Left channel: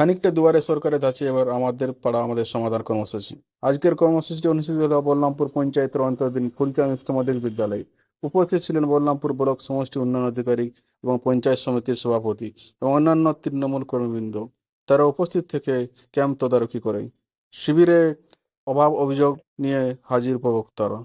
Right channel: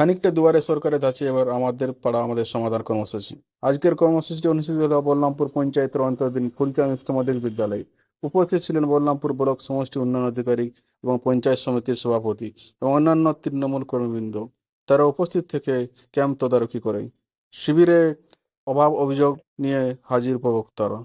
খানিকটা দুয়ারে সরকারের ধাঁচে এবার আমাদের পাড়া আমাদের সমাধান কর্মসূচি। আজকের কর্মসূচিটি অনুষ্ঠিত হলো বলরামপুর পঞ্চায়েতের অন্তর্গত ফুলচাঁদ উচ্চ মাধ্যমিক বিদ্যালয়ে। উপস্থিত ছিলেন বলরামপুর ব্লক সমষ্টি উন্নয়ন অধিকারী এবং পঞ্চায়েত সমিতির সভাপতি এবং অন্যান্য তৃণমূল কর্মীবৃন্দ। তারা উপস্থিত থেকে ক্যাম্প তদারকি করেন। শিবিরে অভাব অভিযোগ নিয়ে হাজির উপভোক্তারা।